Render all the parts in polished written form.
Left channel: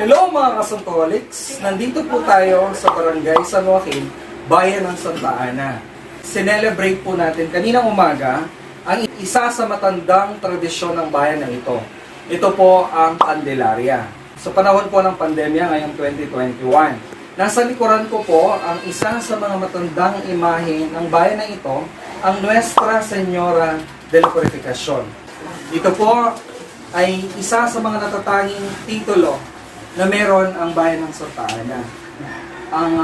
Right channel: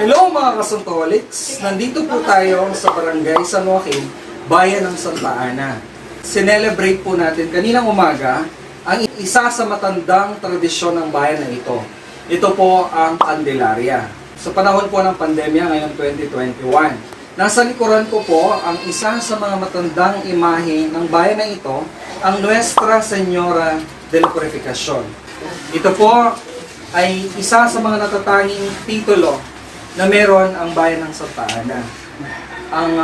Hello mga ka-SANTOHOLICS! Nandito po tayo sa Barangay San Joaquin, Bayan ng Santa Ana. Sinelebrate po natin kaninang umaga ang isa sa matandang tradisyon ng bayan na ito. Ito po ang Candelaria. Sa panahon po ng pandemia ngayong 2021, nasa likuran ko po ang isa sa mga matandang imahe ng bayan na ito, ang Nuestra Señora de la Purificación. Ito po ay isa sa mga natatanging titulo na meron ang bayan ng Santa Ana. Ang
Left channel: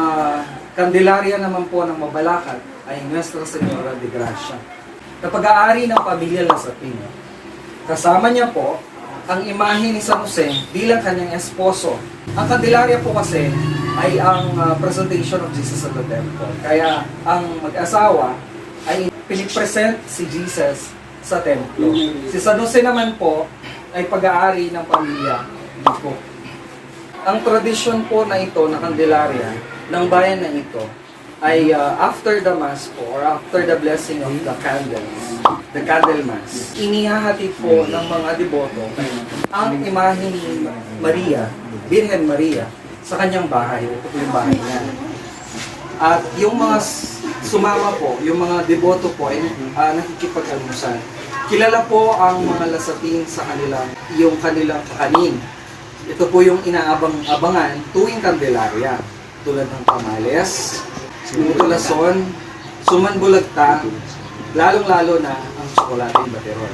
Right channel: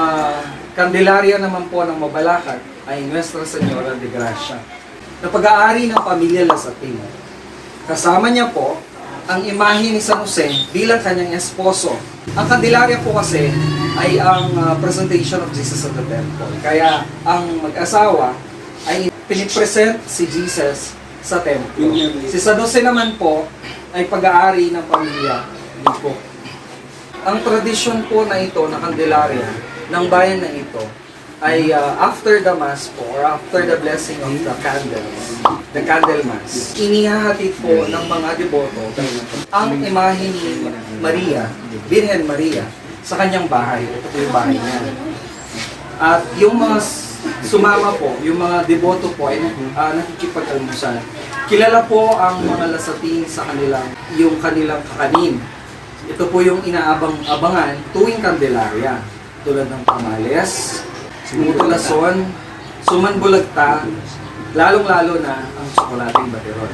Candelaria naman po ng Mabalacat ay Nuestra Señora de Gracia, na pag-aari ng pamilya Lasatin. Kasama niya po ang imahe ni San Jose bilang kanyang esposo. Ang Candelaria po kasi ay ang presentation of Jesus at the temple. Kaya ang mag-asawa ay pinipresent si Jesus sa templo. Si San Jose naman po ay pag-aari ng pamilya Lipo. Ang tradisyon po na ito, na Candelaria, ng bayan na ito, ay after the Mass po, or after the blessing of the candles, the candle Mass, inihahatid po ng mga deboto ang imahe ni Maria, Virgen Maria, sa kanyang bahay. Ito po yung bahay niya. At yung mga sumama po, yung mga deboto po, ay nakikipag-almusal. Kilala po ang mga Lasatin sa kanilang, yung kanilang kakanin. Ito po yung inaabangan tuwing Candelaria, tulad ng tamales, mutulason, sumanbulagta, lalong-lalo na ang tsokolating baterol.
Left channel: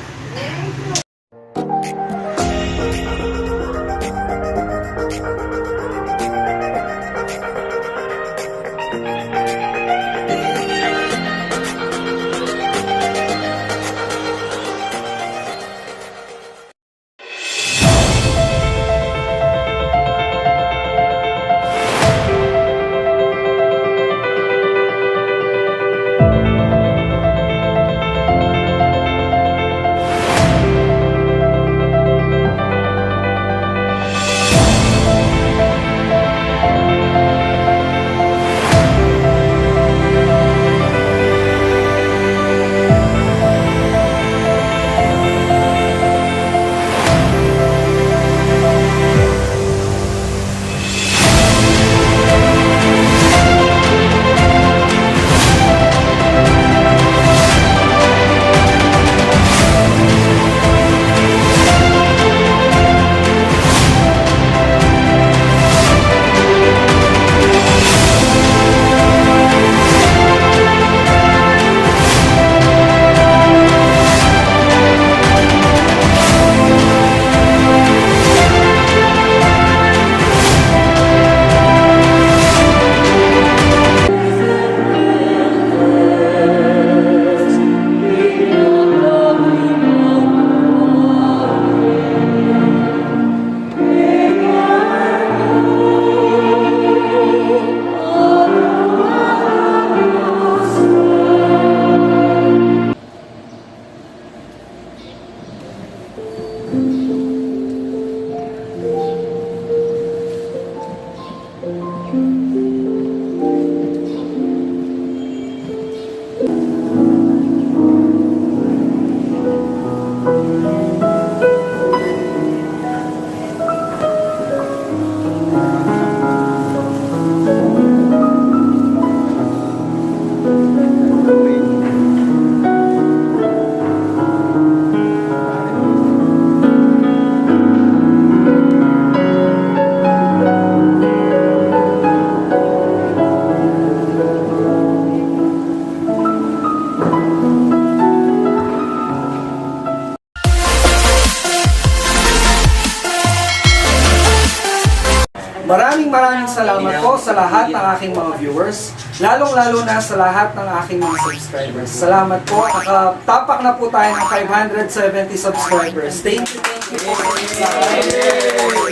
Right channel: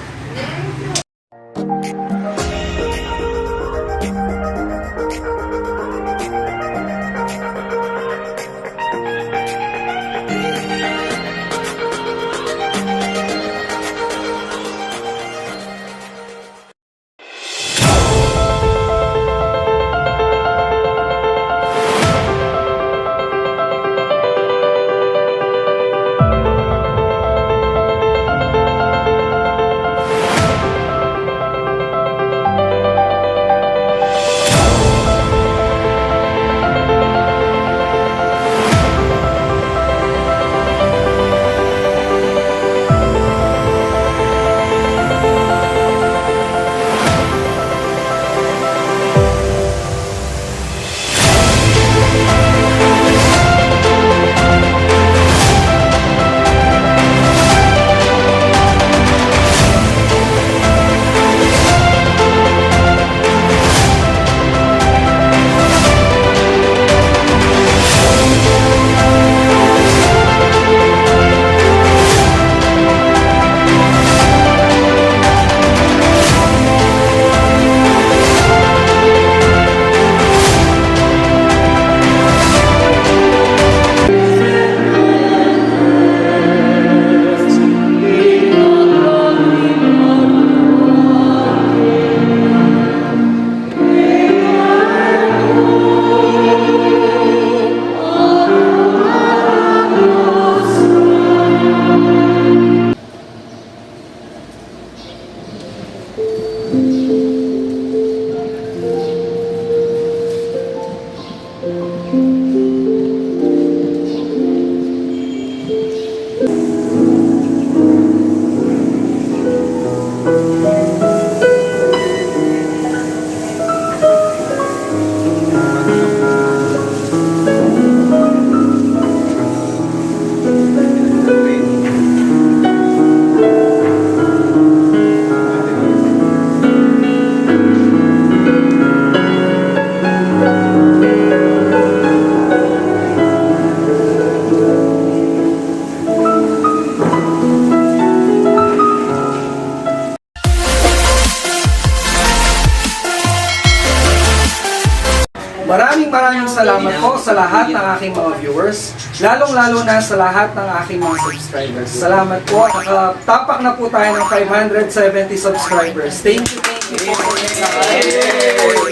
Maraming salamat po sa lahat ng aking mga viewers, lalong-lalo na sa lahat ng aking mga subscribers. Salamat po. Nakatapak na po tayo ng 570 subscribers. Thank you.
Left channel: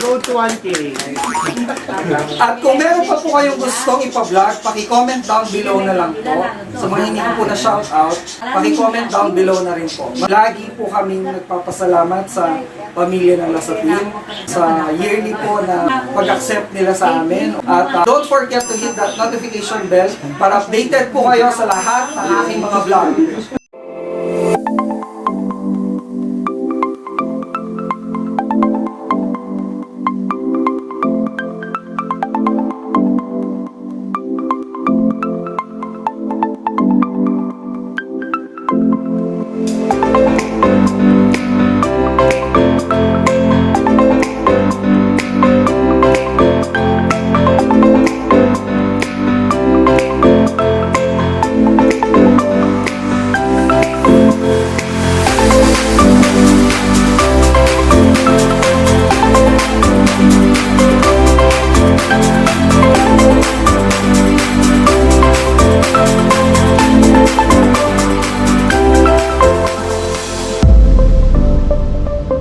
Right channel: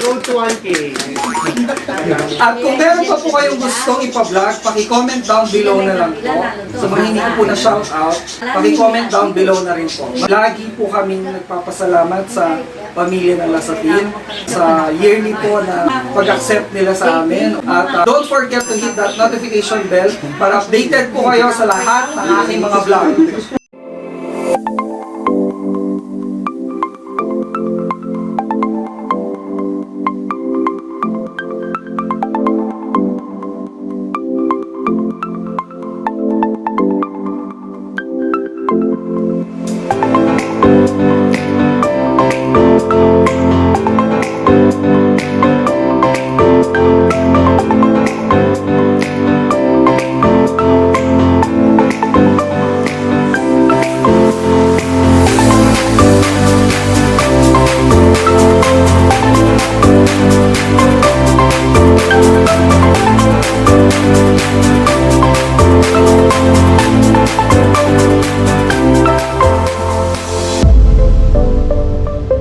Road to 1K. At kung meron pa po kayong gustong ipa-vlog, paki-comment down below na lang po. Sa mga hindi ko po na shoutout, paki-comment down below na rin po. Lagi po kaming nagpapasalamat sa pamilya ng Lasatin sa yearly po na pag-accept nila sa amin. At don't forget to hit that notification bell para updated po kayo sa lahat ng aking mga vlog.